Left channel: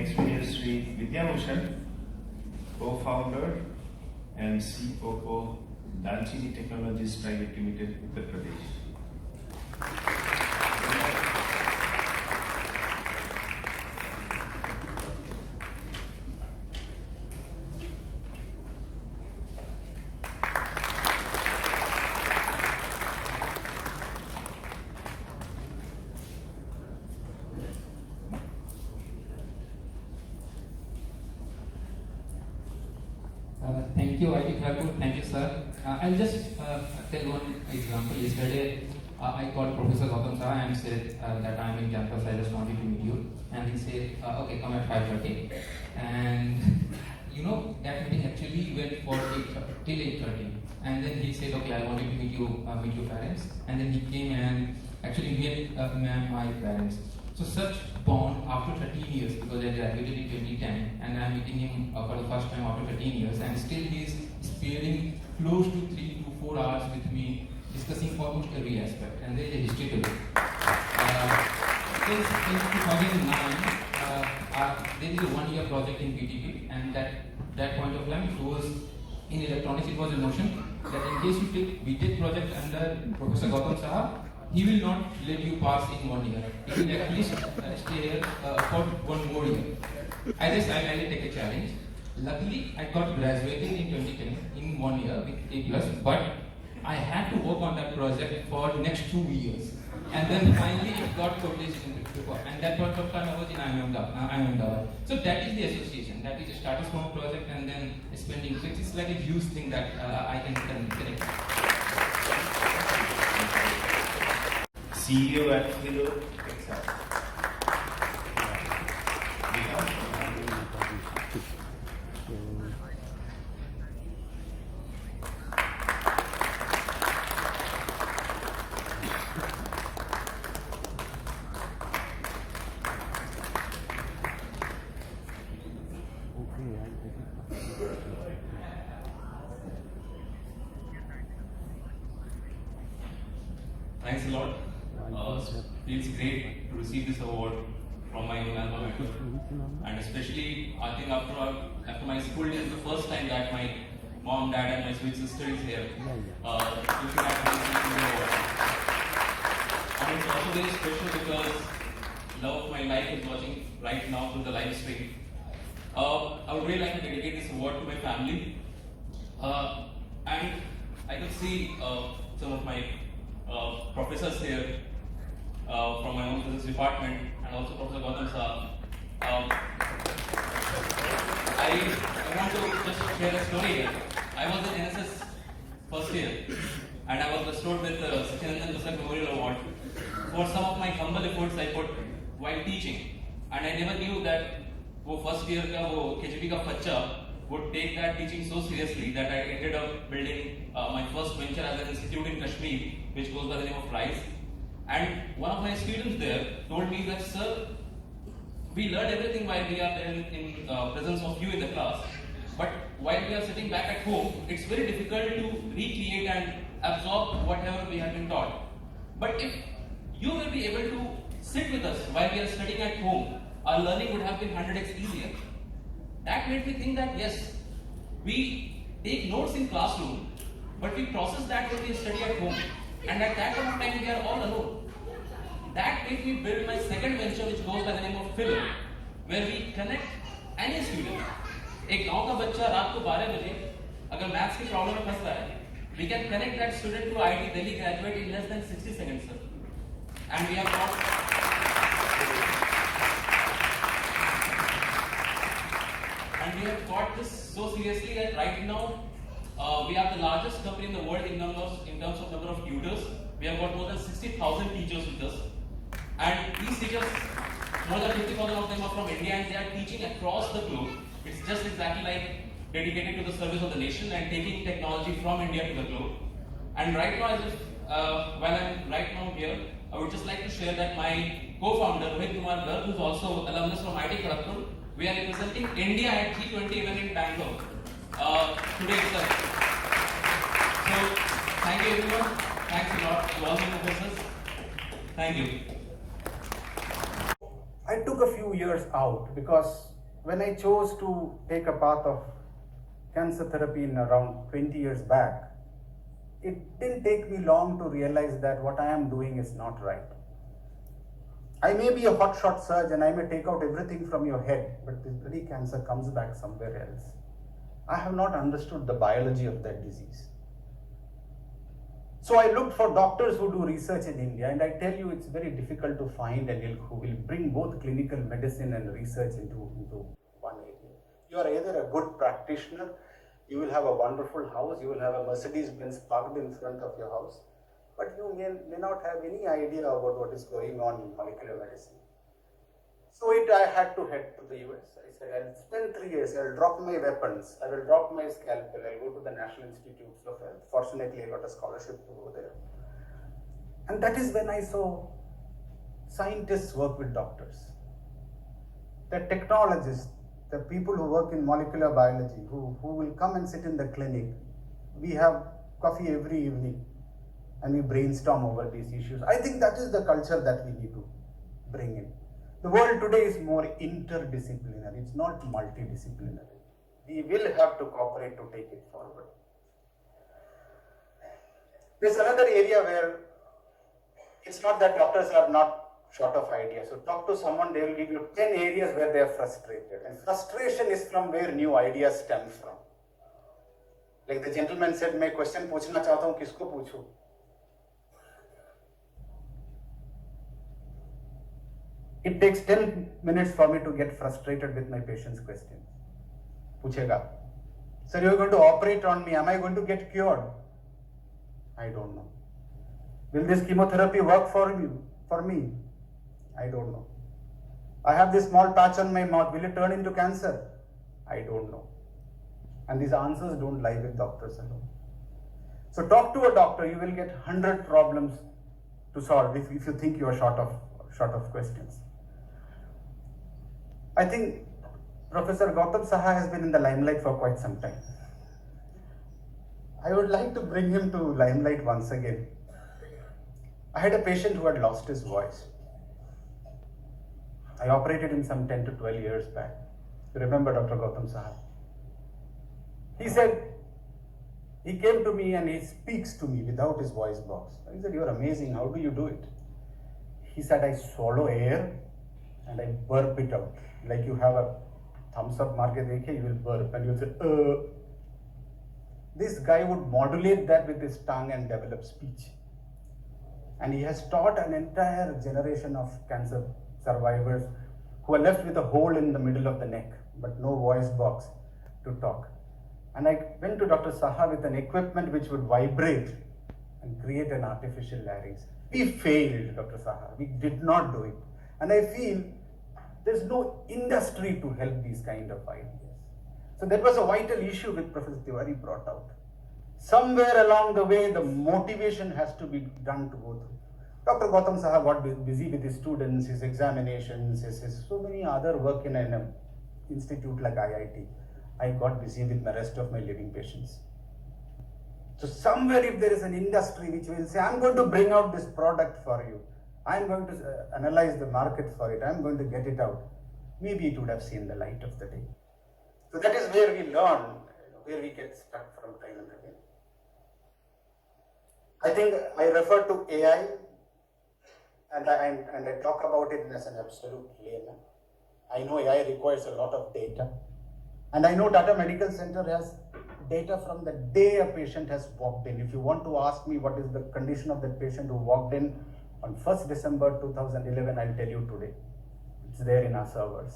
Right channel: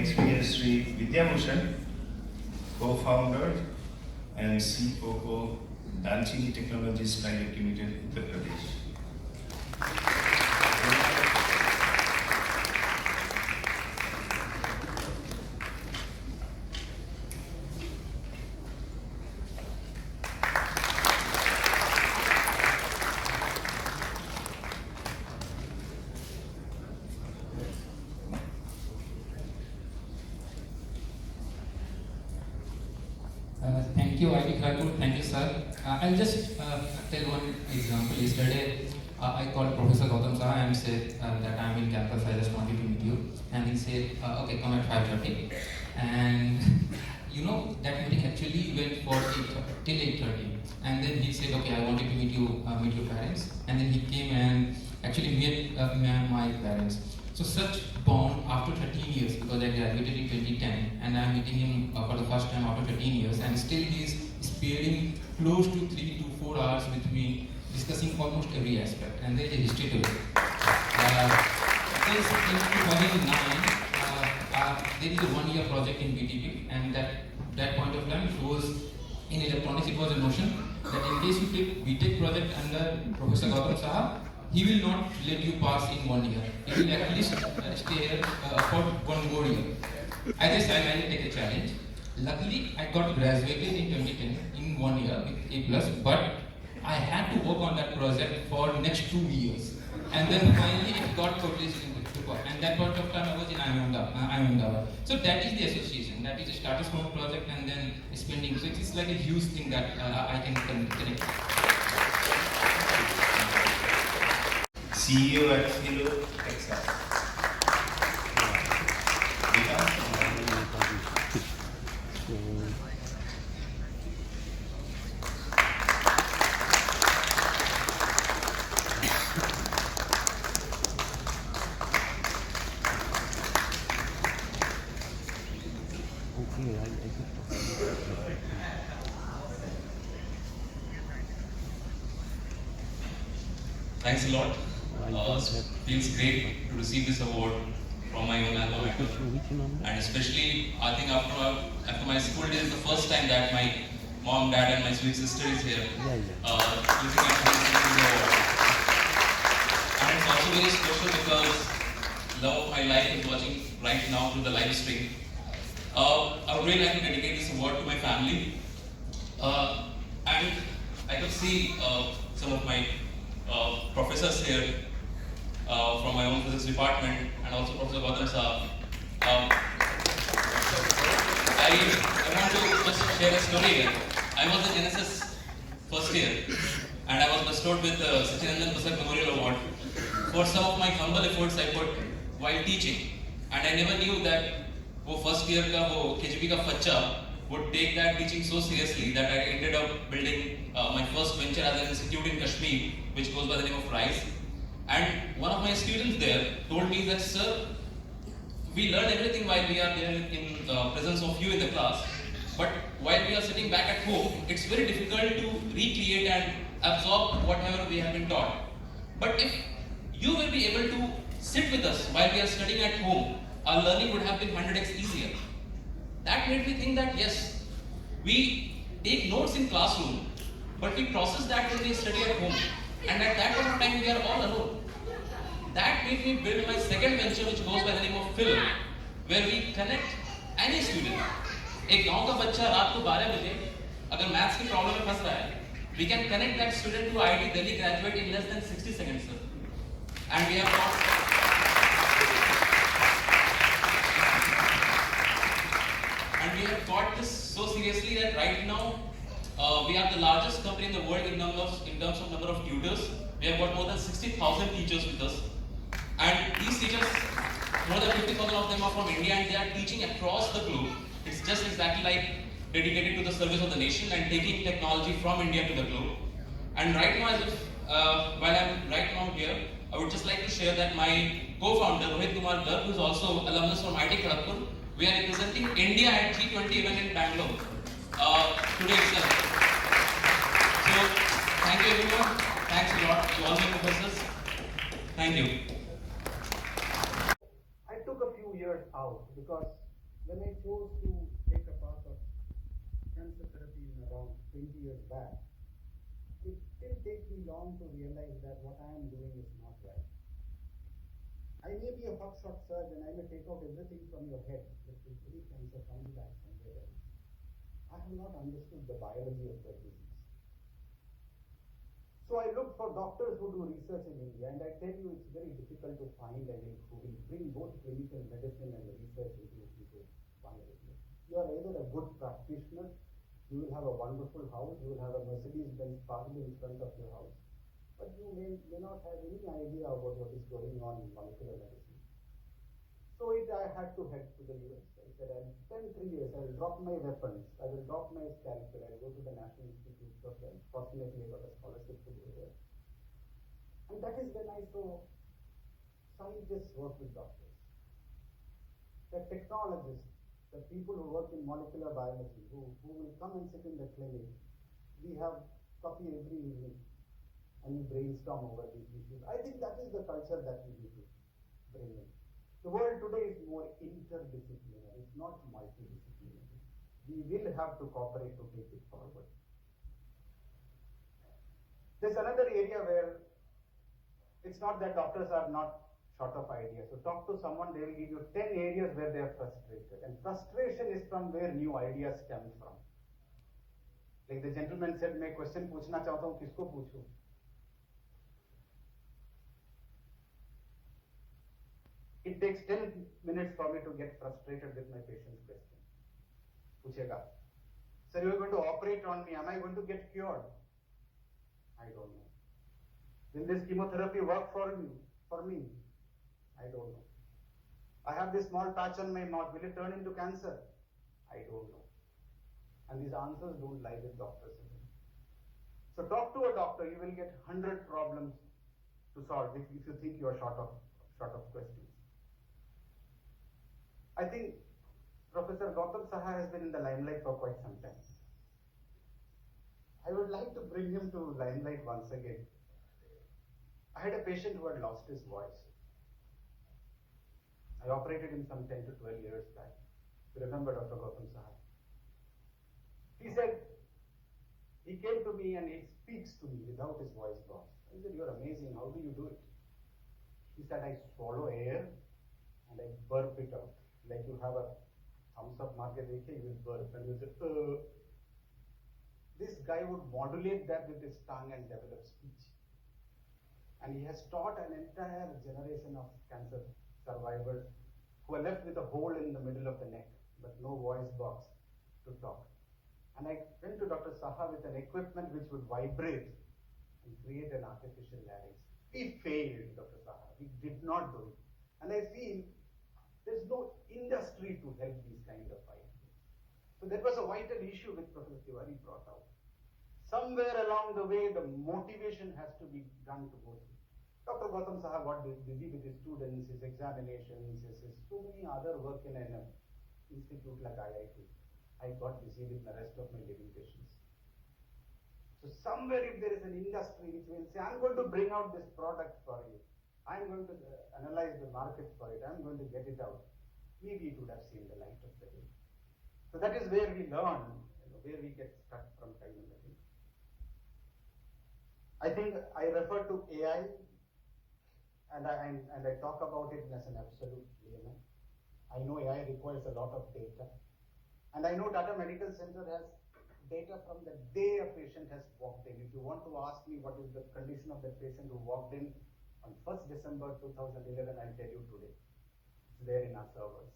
Next we have Sri Vidya Bhushan, co-founder and COO, Danchini Technologies Private Limited, Uttar Pradesh. Thank you, IT Kharagpur. Thank you, sir. I'll just tell one example. Yesterday, I called Professor Gautam Saha and said that I'm in campus. I just wanted to meet you. And he said, okay, come at 5:30. And that meeting actually went for till 8:30. And then he said, okay, I wanted to meet your parents. And then he came and actually met my parents. So such bond after 13 years, because I graduated in 2010 and I'm meeting him for the first time after 13 years, and still he is spending close to 3 to 4 hours with me discussing almost every aspect, and there is a history to it. Since in 2009, there is a 1-year project in B.Tech, and that point of time it was in electronics. It was a notion that in case you take B.Tech project under Professor Gautam Saha, he will not let you pass in 1 year. He will at least stay here for 1 more year. I decided to take a challenge. Luckily, I got graduated in 2010 in 1 year with A+, but I had to work on that project for the next 2 years. And then finally it got published in the paper. And that point of time I was in Ahmedabad. So that is the association. That is a status quo project and then spending. So it is like a huge thing that I can connect. CEO at Philo, Texas. Thanks a lot. Feels great to receive this award from my Young Alumni Achievers, and especially I think after my school days, the first time that my mom, dad, and my sweet sister is here. Looking at this award. And it's also very special because love of my life is watching right now through the live stream. I would really like to dedicate this award to my family, and I could see some of my professors here from my own physics department and also Professor Gautam Saha. I want to just share a story here. I was in NSS first year and I was bestowed with the Sachinandan Pustak Memorial Award for some of my humble efforts I put while teaching. And I never knew that वो first year का वो KGP का बच्चा would take that teaching so seriously that I ended up building my first venture as an institute in Kashmir, which goes by the name of RISE. And one of my students there told me that, sir, we learned everything while we are there in presence of you in the class, but while we are sitting back at home, it's very difficult to recreate and absorb whatever we have been taught. But if you will be able to sit with us while we are studying at home, our learning would have been 100x easier. That made me think that yes, we take notes in classroom, but we process that when we study at home. And at that point of time, we are all alone. That made me build my second venture, which goes by the name of Film, where we connect any student. एक गांव का बच्चा रात को 12 बजे अगर maths की problem में फंस रहा है, we can connect that student to IIT Delhi graduate in less than 60 seconds, sir. And we have got this so seriously that right now we are the largest company in the world in terms of number of tutors. We have got more than 60,000 teachers with us, and these teachers, more than 50,000 of them are from India, and they are teaching across the globe. It's just exactly like dedicated to the service of the nation and taking technology from India to the globe. And right now, while I'm right now here, I would just like to share that my co-founder, Rohit Kumar Garg, who is also alumnus from IIT Kharagpur, we are representing India at G20 event in Bangalore today itself. So, thank you everyone. Thanks a lot to all my professors. Thank you. I took a few few years out, because when I chose to take a path of cancer therapy in around 20 years back, it didn't take me long to realize that what I am doing is not right. I may be a hotshot surgeon, I may take out everything from your head, but this bloody cancer comes back somewhere else. I have not understood the biology of that disease. So I looked for doctors who do research in India, and I tell you it's very difficult to find an ilk who will bring both clinical medicine and research into one area. You are either a good practitioner, you will have a wonderful house, you will have a Mercedes-Benz parked in front of your house, but you may not have any idea about what is going on in molecular medicine. So I had to head to the US. I said, I'll spend 3 years, I'll drop my weapons, I will drop my scalpel, I'll go to the National Institutes of Health. Fortunately, I got a scholarship to go there. And that is when I saw scientists work with doctors. The technologists, the people who work in molecular biology, who will come and sit in the clinic. We have coffee every evening and we brainstorm over these issues. I think that is the culture that we need to bring in. The world today is more interdisciplinary, it's not multidisciplinary. We will have to cooperate to take it forward. There's another area where it's not that doctors are not short of ideas. So talk to someone, they will give you 10 areas where they are frustrated. And frustration is from where new ideas stem from. Like the gentleman said, मैं question पूछना चाहता हूँ, किसको पूछूं? It takes 10 minutes for me to get frustrated with my patient's questions. Puchega, sir, you are going to operate on me. Am I going to get cured? I don't know. Will this chemotherapy work for you? For me? I don't know. I have this small patch on my mouth. Will it turn into cancer? I don't know. And these answers don't lie with doctors alone. So talk to a doctor. You will get 100 problems to solve if you think you are short of questions. I think Professor Gautam Saha has been in the limelight for quite some time. I would like to bring him to limelight once again. I had a patient who had lost his voice. I operated him some 10 to 12 years back. You remember Dr. Gautam Saha? He said, he came to me and he speaks to me without his voice box. I said, you're amazing, how do you do it? He said, I swallow air and I burp it out. Like you have a thumbs up mark, you will burp and you'll say, This guy would modulate that with his tongue and develop speech. And he has taught an entire generation of cancer survivors who are left with a hole in the middle of the neck, but no voice box to talk. And I went to Dr. Saha with an equipment which would vibrate and create an artificial larynx. We failed, Dr. Saha. We did not do it. And I feel there's no industry to help these kind of ideas. So that was a vital issue which Professor Tiwari brought out. Somewhere along the way, the motivation has to be done to go through. Dr. Gautam Saha got busy with his students, his examinations, his so many other work in an institute like IIT. I got busy with the rest of my living patients. So somewhere if there is an industry which will say, I'm going to bring out this product for you, I'm going to analyze the market for it, I'm going to get it out, maybe it would have seen the light of the day. So that is where we learn, where we get stuck from time and again. I think I refer to AI and I talk about it as an absolute layman. I know AI requires a lot of data. And I know Tata Medical Center has data from the day a patient has walked in. If you want to ask me what is the condition of that patient who walked in on 1st December 2011, I'll tell you today. It's there in our servers.